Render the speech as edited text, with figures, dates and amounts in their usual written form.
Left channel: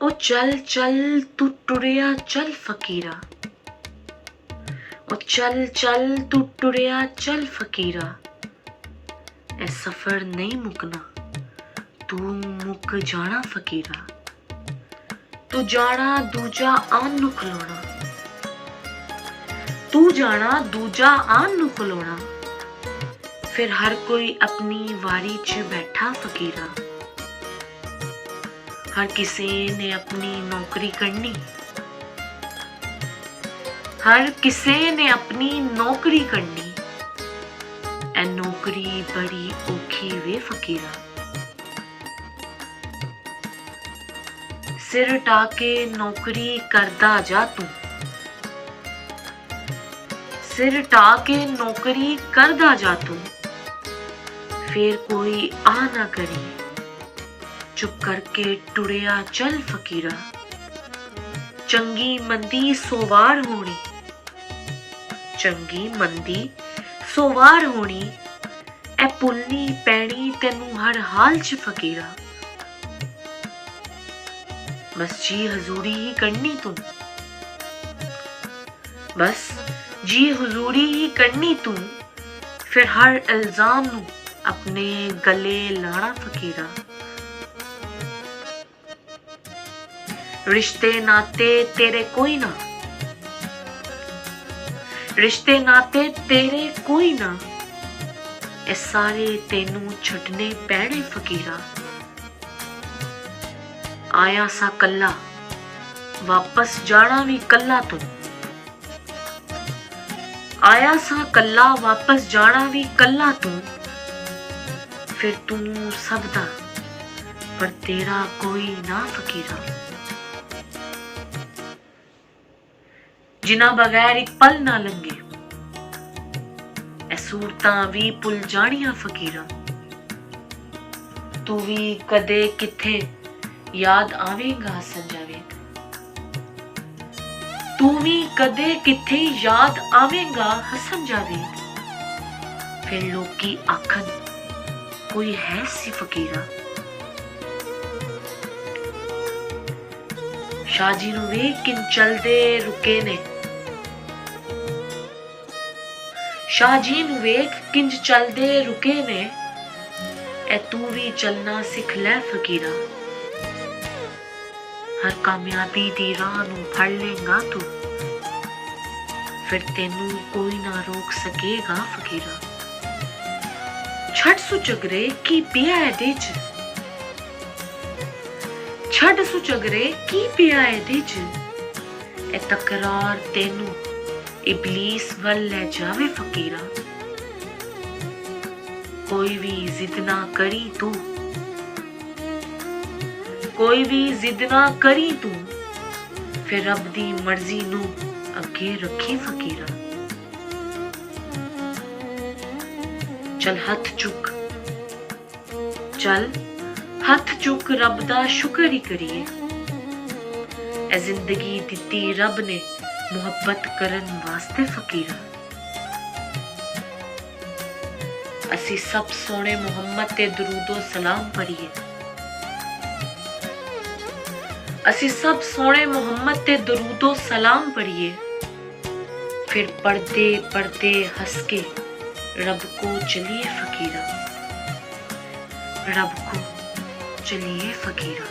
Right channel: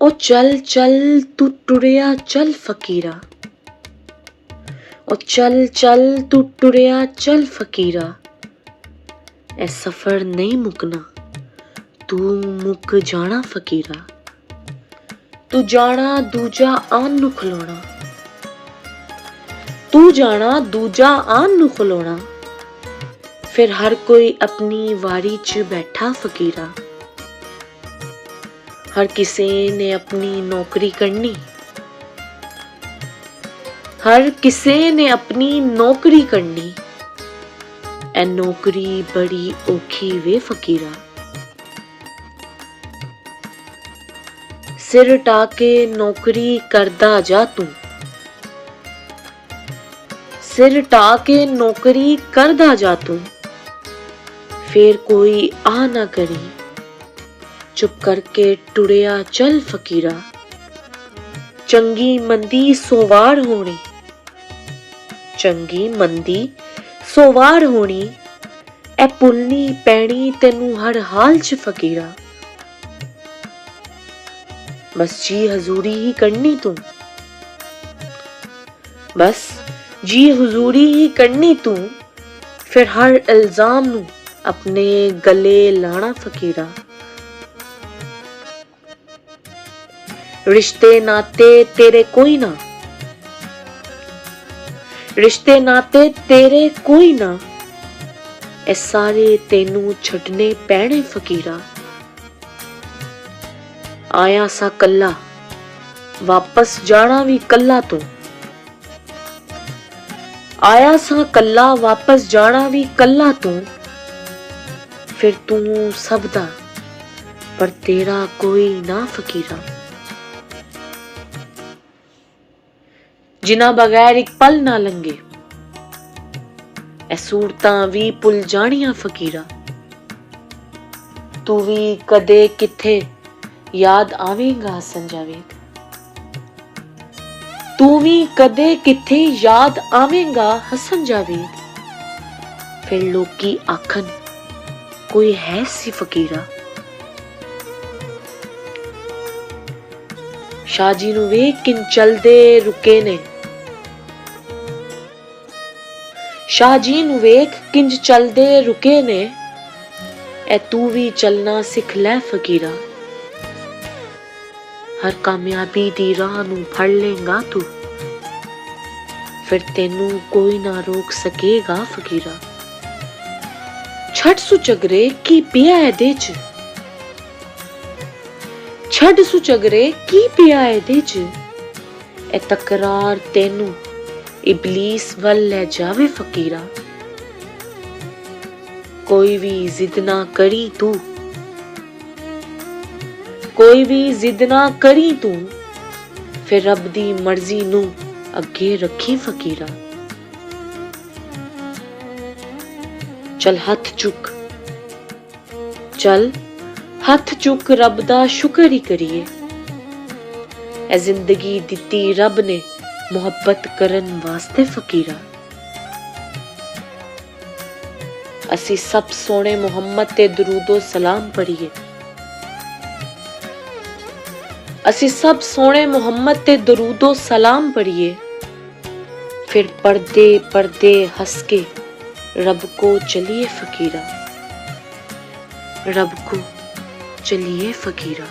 ओ चल चल तू टुरिया चल फकीरा, ओ चल चल तू टुरिया चल फकीरा, ए सफर नहीं मुकना तू मुक जाना फकीरा, तू जाना दूजा आन नु खलोना, तू जाना दूजा आन नु खलोना, फिर हर कोई अपनी वारी च बैठा फकीरा, हर किसी ने अपनी नौकरी करनी, हर किसी ने अपनी नौकरी करनी, ए नौकरी बड़ी औखी वे फकीरा, सिर टाके नौकरी करदा जा तू, सिर टाके नौकरी करदा जा तू, फिर कोई आ ना करी, चुप करके टुरिया चल फकीरा, चंगी मंदी सोवार होनी, चंगी मंदी सोवार होनी, ए पुलनी पैनी तेनू हर हाल च फकीरा, बस जी हजूरी ही करनी तू, बस जी हुजूरी ही करनी तू, फिर हर इल्जाम नू अपने गले लाना फकीरा, रिश्ते नाते तेरे कोई ना, रिश्ते नाते तेरे कोई ना, ए सारे तेनू छड्डने पैणे फकीरा, आया सा कल्ला वापस जाना भी कल्ला तू, आया सा कल्ला वापस जाना भी कल्ला तू, फिर तू सबदा पर तेरा कोई ना फकीरा, जिन्हां बगैर एक पल ना लंघे, ए सूरतां भी भुल जानियां फकीरा, तू भी कदे किथे याद आवेगा हसन जावेद, तू भी कदे किथे याद आवेगा हसन जावेद, फिर लोकी आखन कोई है सी फकीरा, शाह जी नू वेख किन चलदे रुके ने, शाह जी नू वेख किंज चलदे रुके ने, ए तू भी चलना सिख लै फकीरा, हर कामयाबी दी राह नू फड़ लेगा तू, फिर तेनू कोई ना रोक सकेगा फकीरा, छड़ सुचगरे की पिया एदे च, छड़ सुचगरे की पिया एदे च, ए तकरार तेनू इबलीस वल ले जावे फकीरा, कोई भी जिद ना करी तू, कोई भी जिद ना करी तू, फिर रब दी मर्जी नू अगे रखी फकीरा, चल हथ चुक, चल हथ चुक रब दा शुक्र ही करिए, ए जिंदगी दिती रब ने मुहब्बत करन वास्ते फकीरा, असी सब सोने मुहम्मद ते दरूदो सलाम पढ़िए, असी सब सोने मुहम्मद ते दरूदो सलाम पढ़िए, फिर पढ़दे पढ़दे हंस के रब को चलिए फकीरा, रब को चलिए फकीरा।